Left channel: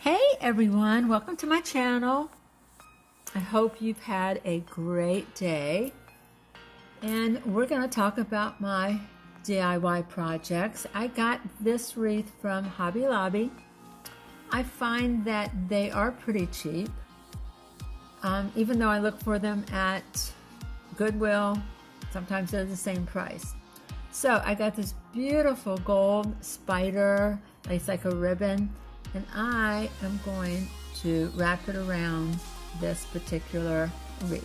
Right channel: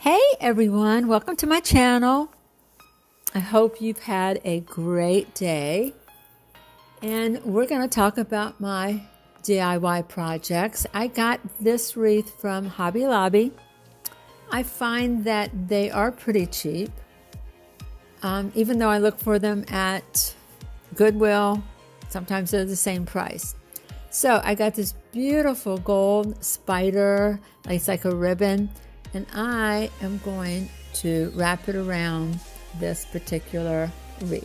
Hey everyone, welcome to my channel. I hope you've had a great day. And we're going to talk about my DIY projects. I got this wreath from Hobby Lobby. I find that they are pretty cheap. Even though I look for them at Goodwill, sometimes they're the same price. So I got this beautiful gold spider. It's like a ribbon. And I am going to wrap it around this particular wreath.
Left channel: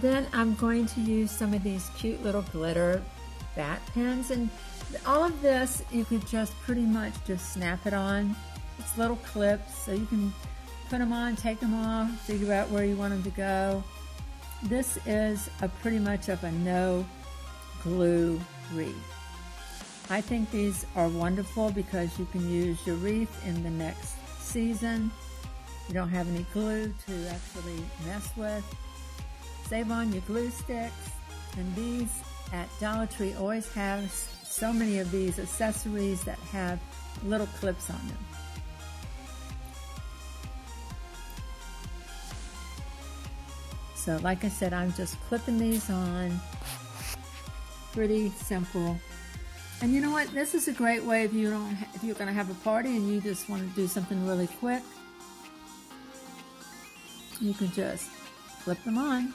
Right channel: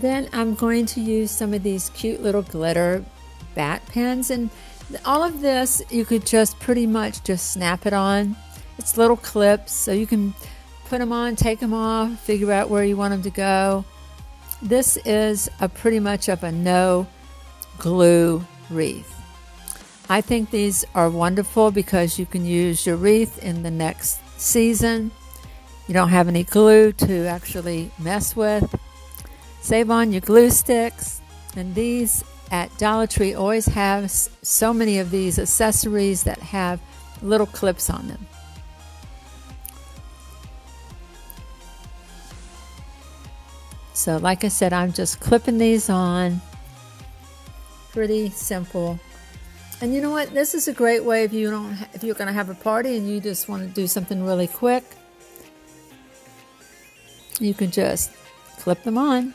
Then I'm going to use some of these cute little glitter bat pens, and all of this you could just pretty much just snap it on. It's little clips, so you can put them on, take them off, figure out where you want them to go. This is pretty much of a no glue wreath. I think these are wonderful because you can use your wreath in the next season. You don't have any glue to actually mess with. Save on your glue sticks, and these at Dollar Tree always have so many of these accessories that have little clips on them. So like I said, I'm just clipping these on. Pretty simple. And you know what? This is a great way if you're going to have a party and you just want to do something really quick. You can just clip them on.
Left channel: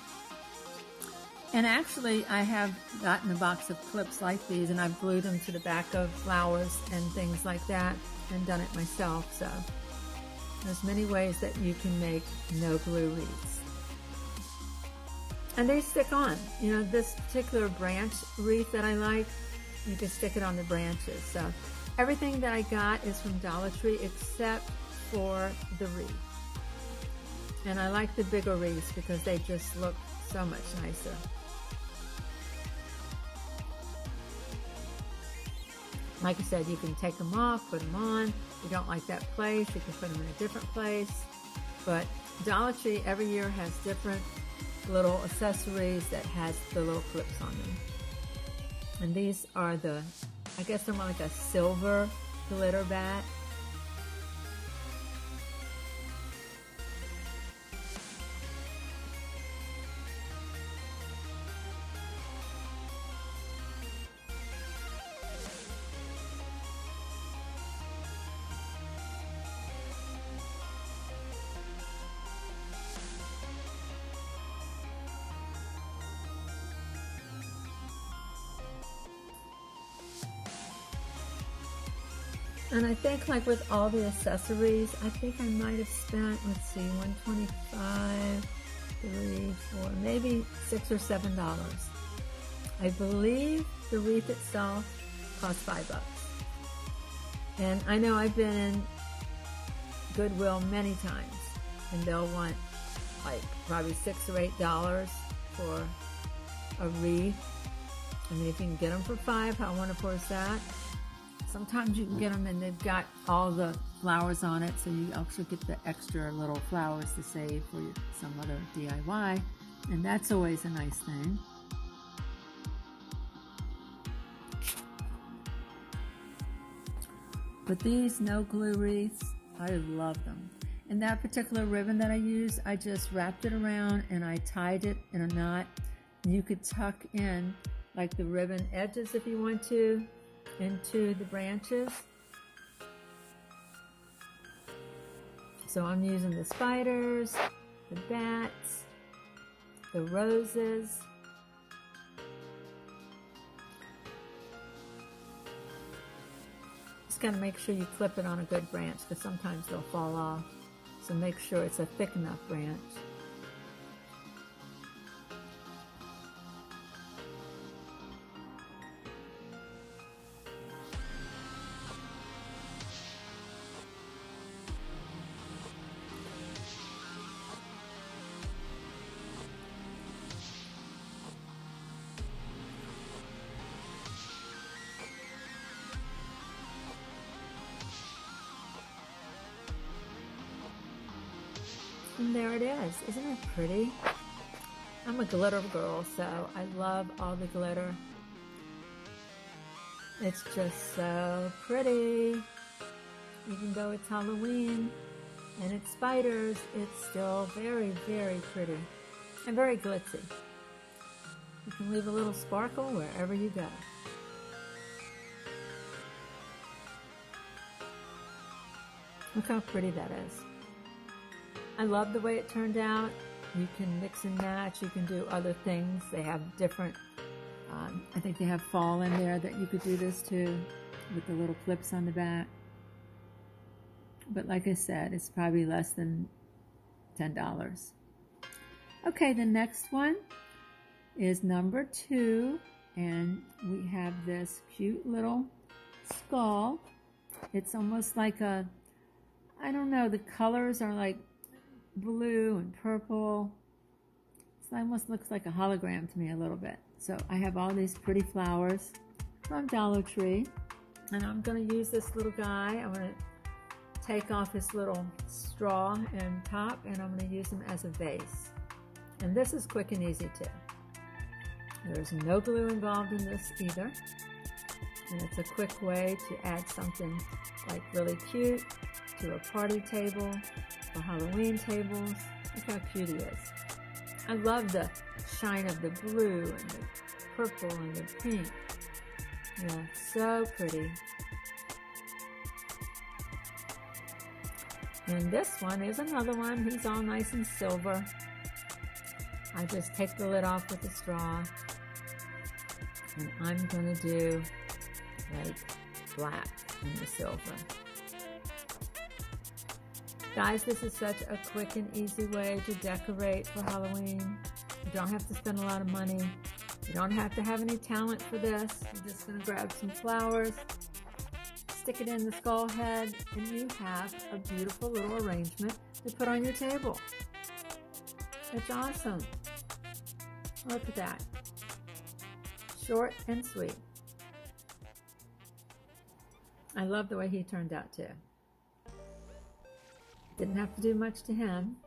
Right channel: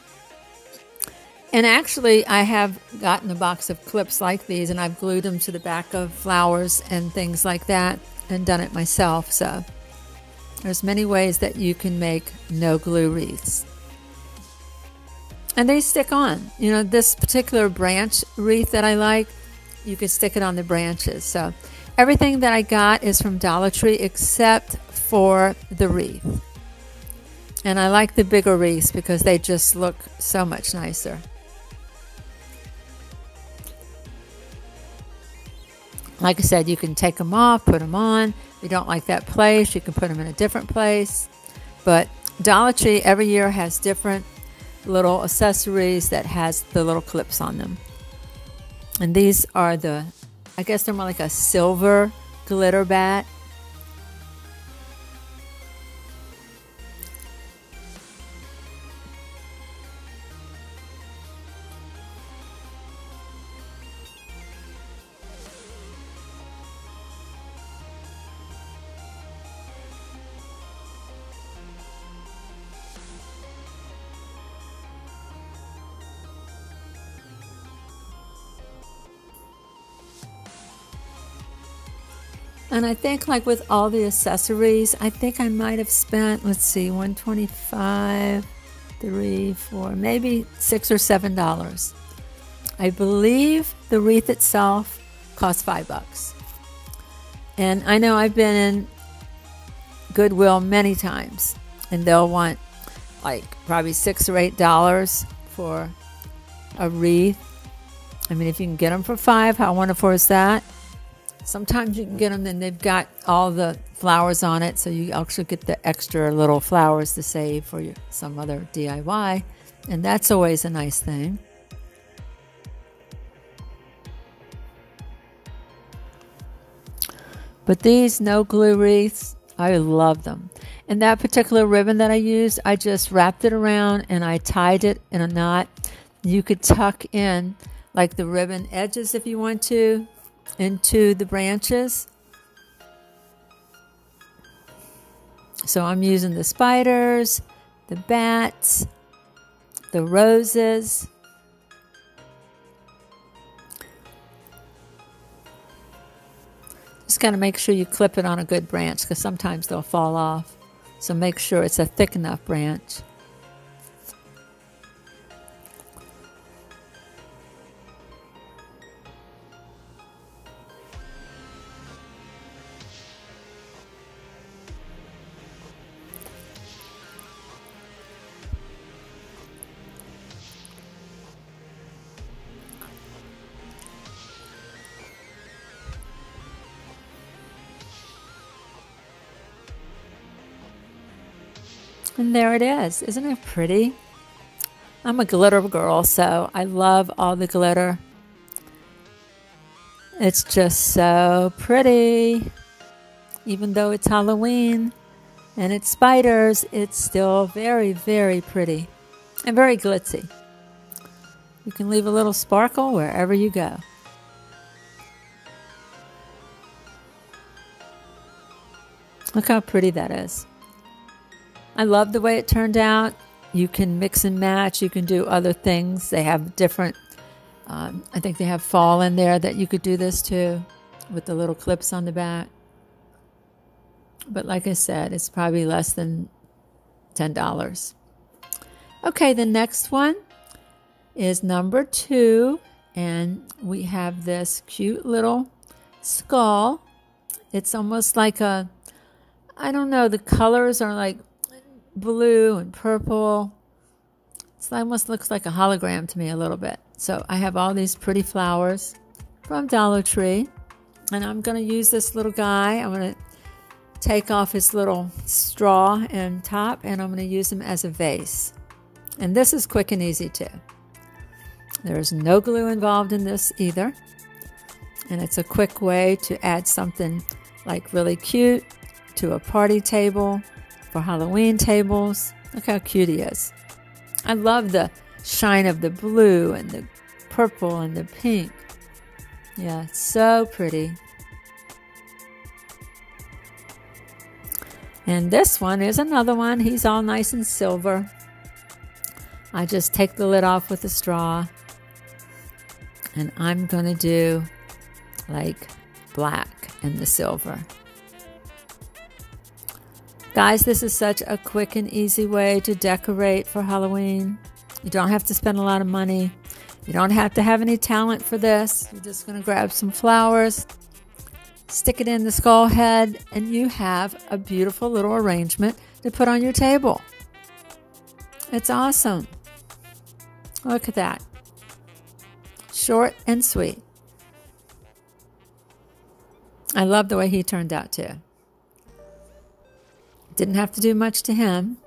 And actually, I have gotten a box of clips like these, and I've glued them to the back of flowers and things like that, and done it myself. So there's many ways that you can make no glue wreaths. And they stick on. You know, this particular branch wreath that I like, you can stick it on the branches. So everything that I got is from Dollar Tree except for the wreath. And I like the bigger wreaths because they just look so much nicer. Like I said, you can take them off, put them on. If you don't like that place, you can put them in a different place. But Dollar Tree every year has different little accessories that has the little clips on them. And these are I guess they're more like a silver glitter bat. And I think like with all the accessories, I think I might have spent, let's see, $125, $3, $4, maybe $6 or $7. I believe the wreath itself cost $5. And I know I've been in Goodwill many times, and they'll want like probably $6 or $8 for a wreath. I mean, if you can get them for $5, how wonderful is that? Sometimes you can get them and they've got all the flowers on it, so you actually get the extra little flowers to save for some other DIY, and that's always a nice thing. But these no glue wreaths, I love them. And that particular ribbon that I used, I just wrapped it around and I tied it in a knot. You could tuck in like the ribbon edges if you want to into the branches. So I'm using the spiders, the bats, the roses. Just got to make sure you clip it on a good branch because sometimes they'll fall off. So make sure it's a thick enough branch. And there it is. Isn't it pretty? I'm a glitter girl, so I love all the glitter. It's just so pretty. Even though it's Halloween and it's spiders, it's still very, very pretty and very glitzy. You can leave a little sparkle wherever you go. Look how pretty that is. I love the way it turned out. You can mix and match. You can do other things. They have different, I think they have fall in there that you could do this too with the little clips on the back. But like I said, it's probably less than $10. Okay, the next one is number 2. And we have this cute little skull. It's almost like a, I don't know, the colors are like blue and purple. It almost looks like a hologram to me a little bit. So I have all these pretty flowers from Dollar Tree. And I'm going to use this little guy. I'm going to take off his little straw and top, and I'm going to use him as a vase. And this is quick and easy too. There's no glue involved in this either. And it's a quick way to add something like really cute to a party table for Halloween tables. Look how cute he is. I love the shine of the blue and the purple and the pink. Yeah, it's so pretty. And this one is another one. He's all nice and silver. I just take the lid off with a straw. And I'm going to do like black and the silver. Guys, this is such a quick and easy way to decorate for Halloween. You don't have to spend a lot of money. You don't have to have any talent for this. You're just going to grab some flowers, stick it in the skull head, and you have a beautiful little arrangement to put on your table. It's awesome. Look at that. Short and sweet. I love the way he turned out too. Didn't have to do much to him.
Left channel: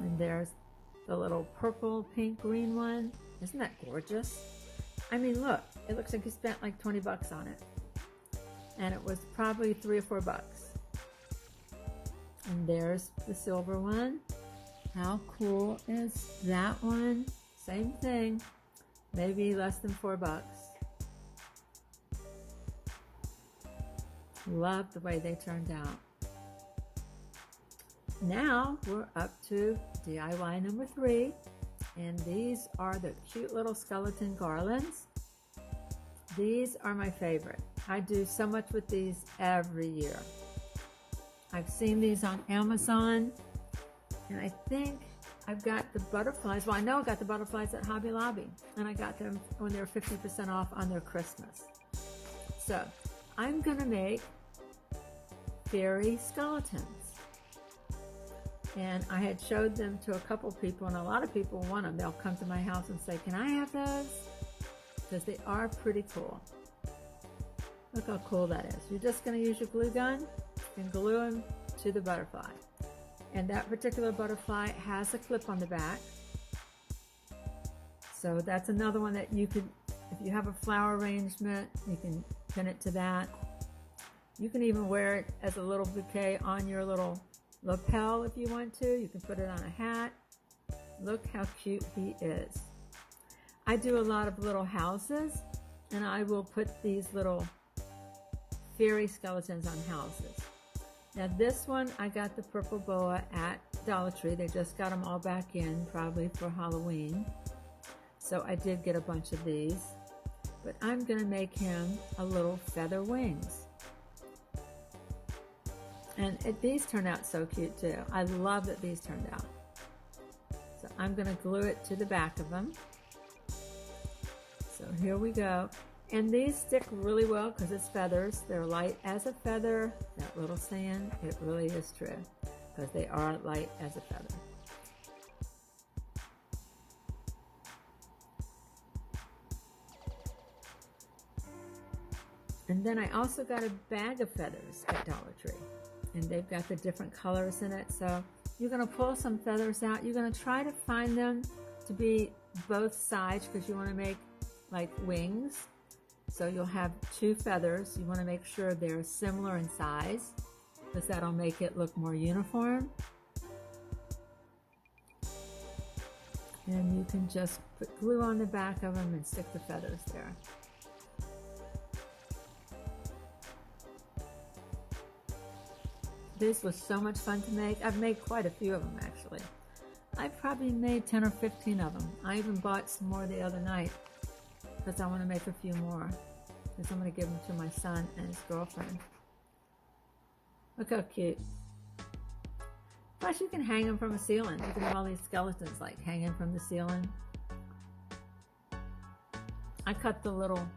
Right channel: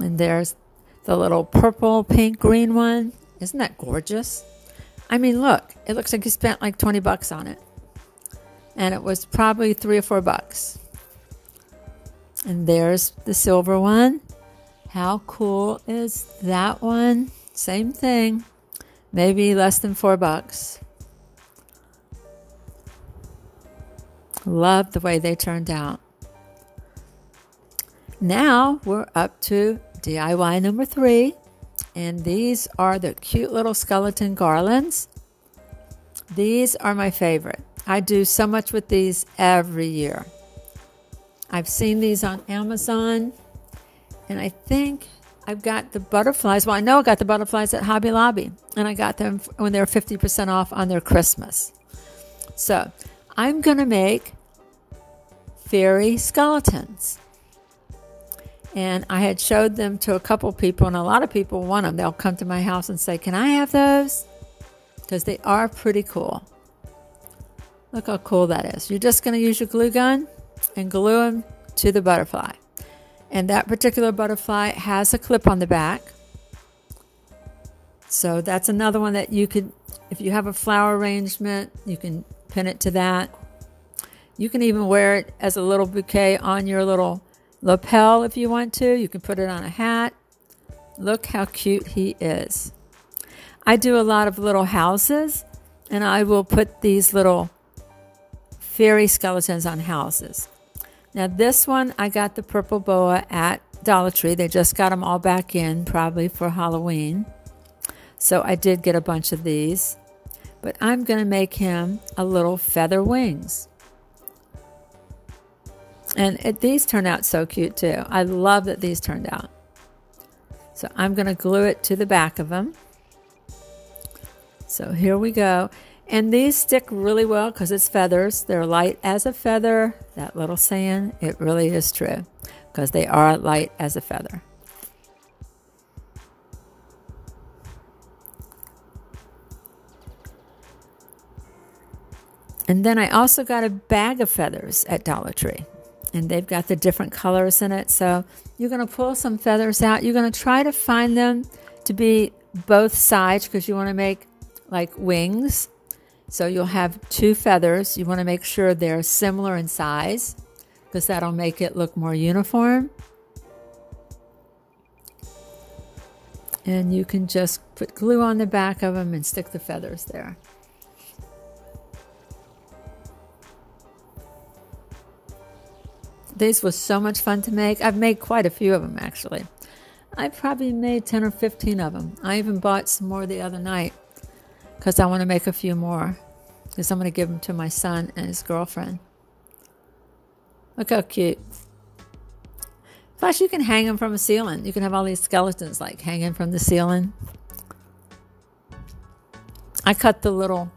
And there's the little purple, pink, green one. Isn't that gorgeous? I mean, look, it looks like you spent like 20 bucks on it. And it was probably $3 or $4. And there's the silver one. How cool is that one? Same thing. Maybe less than $4. Love the way they turned out. Now we're up to DIY number 3. And these are the cute little skeleton garlands. These are my favorite. I do so much with these every year. I've seen these on Amazon, and I think I've got the butterflies. Well, I know I got the butterflies at Hobby Lobby, and I got them when they were 50% off on their Christmas. So I'm going to make fairy skeletons. And I had showed them to a couple people, and a lot of people want them. They'll come to my house and say, can I have those? Because they are pretty cool. Look how cool that is. You're just going to use your glue gun and glue them to the butterfly. And that particular butterfly has a clip on the back. So that's another one that you could, if you have a flower arrangement, you can pin it to that. You can even wear it as a little bouquet on your little lapel if you want to. You can put it on a hat. Look how cute he is. I do a lot of little houses, and I will put these little fairy skeletons on houses. Now this one, I got the purple boa at Dollar Tree. They just got them all back in, probably for Halloween. So I did get a bunch of these. But I'm going to make him a little feather wings. And these turn out so cute too. I love that these turned out. So I'm going to glue it to the back of them. So here we go. And these stick really well because it's feathers. They're light as a feather. That little saying, it really is true because they are light as a feather. And then I also got a bag of feathers at Dollar Tree. And they've got the different colors in it. So you're going to pull some feathers out. You're going to try to find them to be both sides because you want to make like wings. So you'll have 2 feathers. You want to make sure they're similar in size because that'll make it look more uniform. And you can just put glue on the back of them and stick the feathers there. These was so much fun to make. I've made quite a few of them actually. I probably made 10 or 15 of them. I even bought some more the other night because I want to make a few more because I'm going to give them to my son and his girlfriend. Look how cute. Plus you can hang them from a ceiling. You can have all these skeletons like hanging from the ceiling. I cut the little,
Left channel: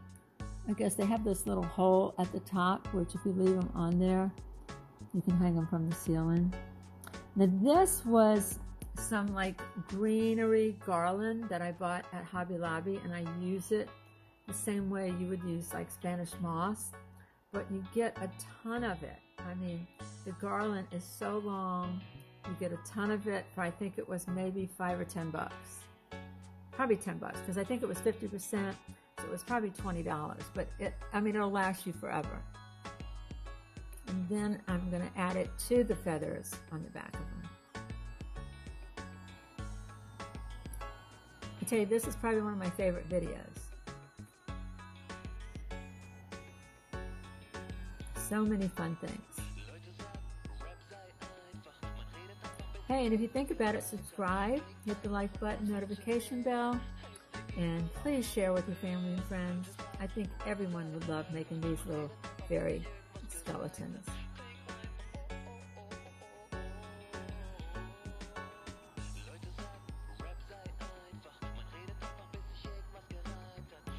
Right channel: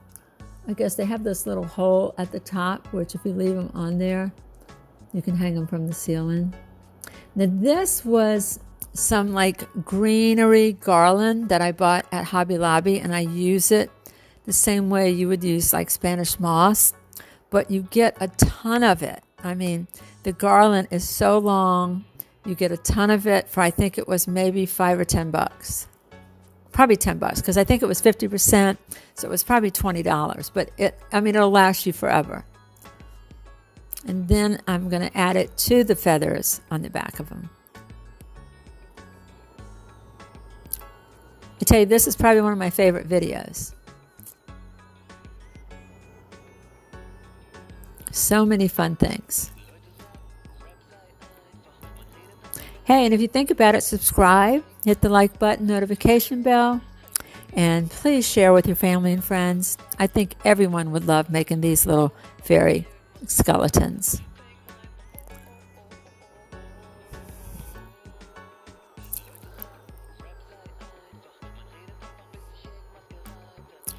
I guess they have this little hole at the top, which if you leave them on there, you can hang them from the ceiling. Now this was some like greenery garland that I bought at Hobby Lobby, and I use it the same way you would use like Spanish moss, but you get a ton of it. I mean, the garland is so long. You get a ton of it for, I think it was maybe $5 or $10. Probably $10 because I think it was 50%, so it was probably $20. But it'll last you forever. And then I'm going to add it to the feathers on the back of them. I tell you, this is probably one of my favorite videos. So many fun things. Hey, and if you think about it, subscribe, hit the like button, notification bell, and please share with your family and friends. I think everyone would love making these little fairy skeletons.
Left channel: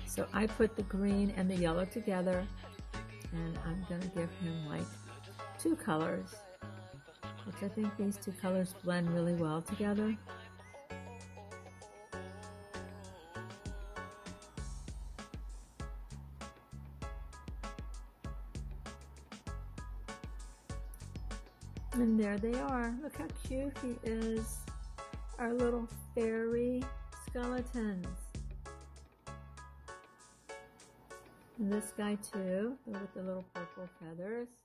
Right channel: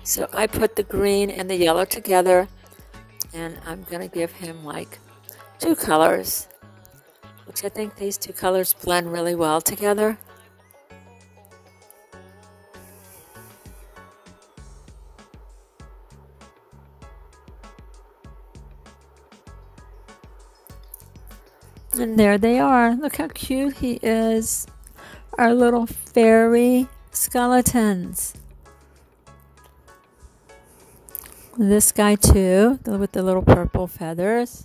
So I put the green and the yellow together, and I'm going to give him like 2 colors, which I think these 2 colors blend really well together. And there they are. Look how cute he is. Our little fairy skeletons. This guy too, with the little purple feathers.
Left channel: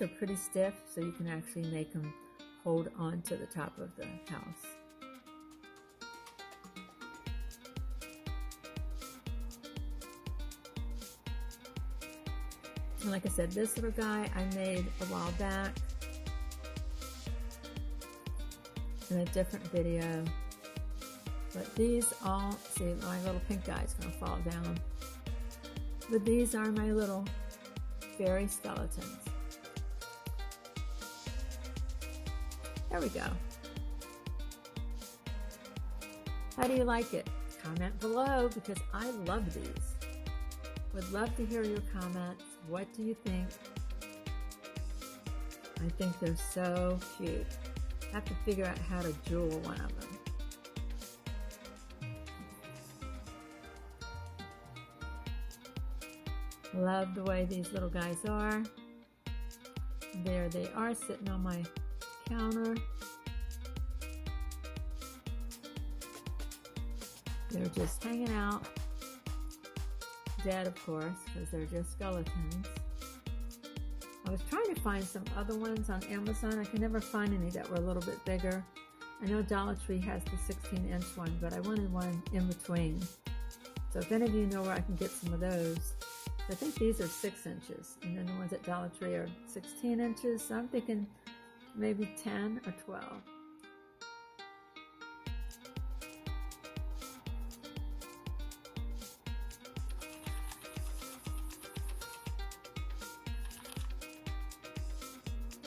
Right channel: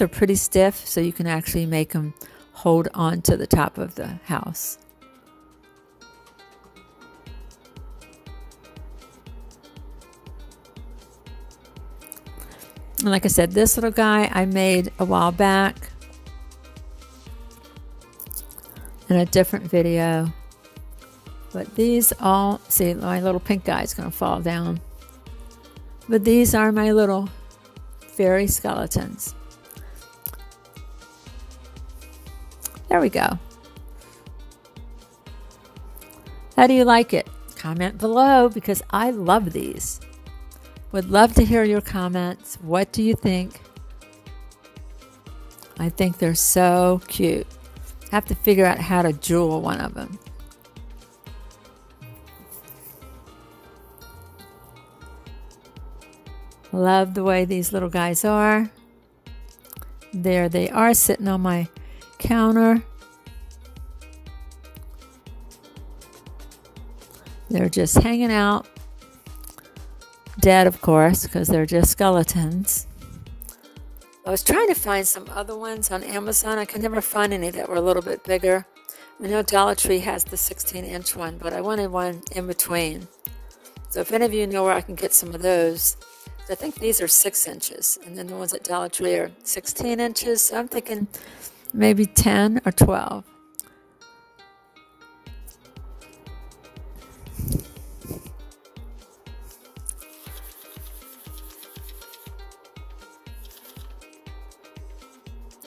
ones are pretty stiff, so you can actually make them hold on to the top of the house. And like I said, this little guy I made a while back in a different video. But these all, see, my little pink guy is going to fall down. But these are my little fairy skeletons. There we go. How do you like it? Comment below, because I love these. Would love to hear your comments. What do you think? I think they're so cute. Have to figure out how to jewel one of them. Love the way these little guys are. There they are, sitting on my counter. They're just hanging out. Dead, of course, because they're just skeletons. I was trying to find some other ones on Amazon. I could never find any that were a little bit bigger. I know Dollar Tree has the 16-inch one, but I wanted one in between. So if any of you know where I can get some of those, I think these are 6 inches, and then the ones at Dollar Tree are 16 inches. So I'm thinking maybe 10 or 12.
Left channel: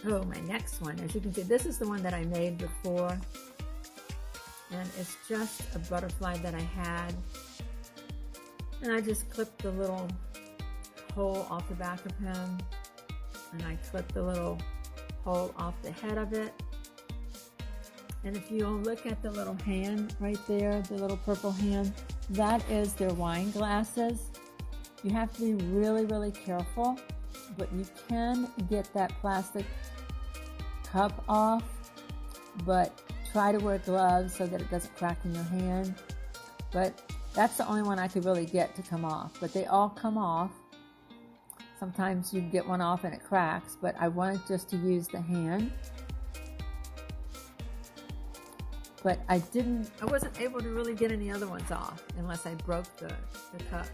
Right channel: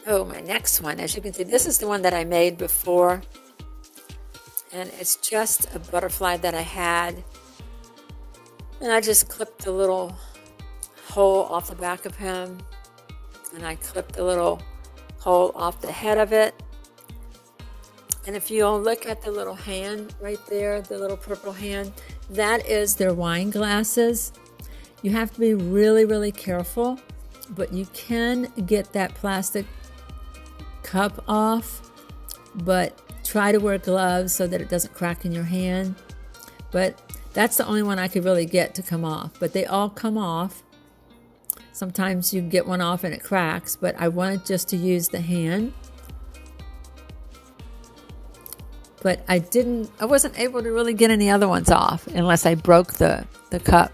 Oh, my next one, as you can see, this is the one that I made before, and it's just a butterfly that I had, and I just clipped the little hole off the back of him, and I clipped the little hole off the head of it. And if you'll look at the little hand right there, the little purple hand, that is their wine glasses. You have to be really, really careful, but you can get that plastic cup off, but try to wear gloves so that it doesn't crack in your hand. But that's the only one I could really get to come off, but they all come off. Sometimes you get one off and it cracks, but I wanted just to use the hand. But I wasn't able to really get any other ones off unless I broke the cup.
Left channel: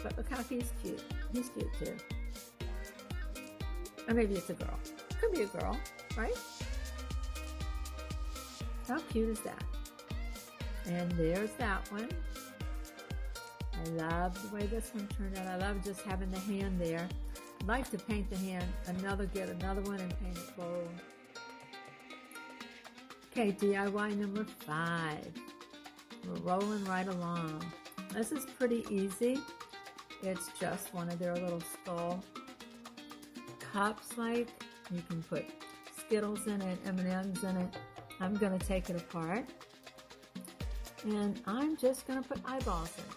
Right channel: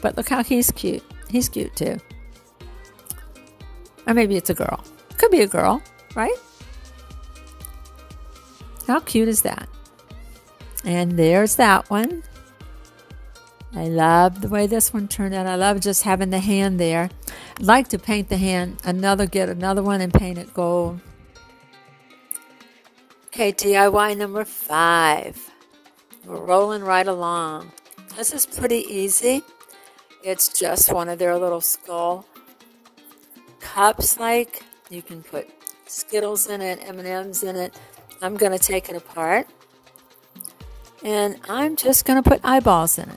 But look how he's cute. He's cute too. Or maybe it's a girl. Could be a girl, right? How cute is that? And there's that one. I love the way this one turned out. I love just having the hand there. I'd like to paint the hand, get another one and paint it gold. Okay, DIY number 5. We're rolling right along. This is pretty easy. It's just one of their little skull cups, like. You can put Skittles in it, M&Ms in it. I'm going to take it apart, and I'm just going to put eyeballs in it.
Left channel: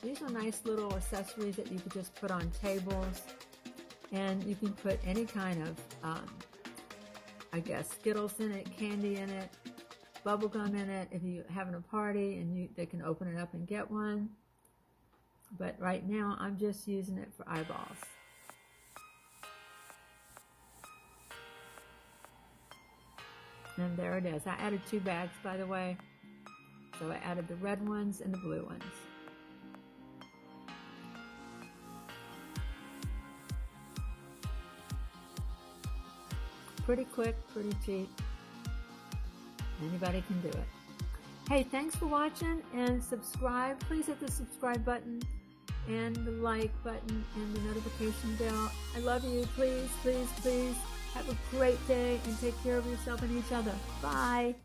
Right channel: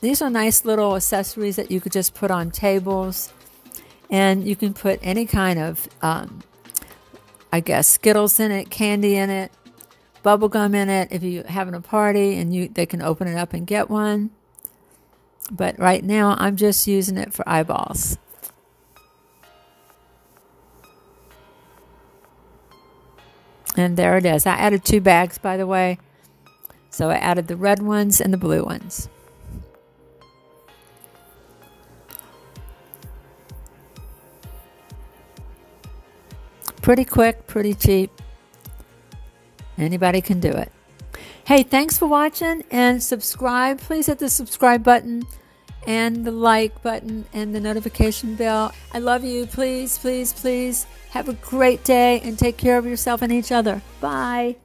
These are nice little accessories that you could just put on tables, and you can put any kind of, I guess, Skittles in it, candy in it, bubble gum in it if you're having a party, and they can open it up and get one. But right now, I'm just using it for eyeballs. And there it is. I added 2 bags, by the way. So I added the red ones and the blue ones. Pretty quick, pretty cheap. Anybody can do it. Hey, thanks for watching, and subscribe. Please hit the subscribe button and the like button and the notification bell. I love you. Please, please, please have a great day and take care of yourself and each other. Bye.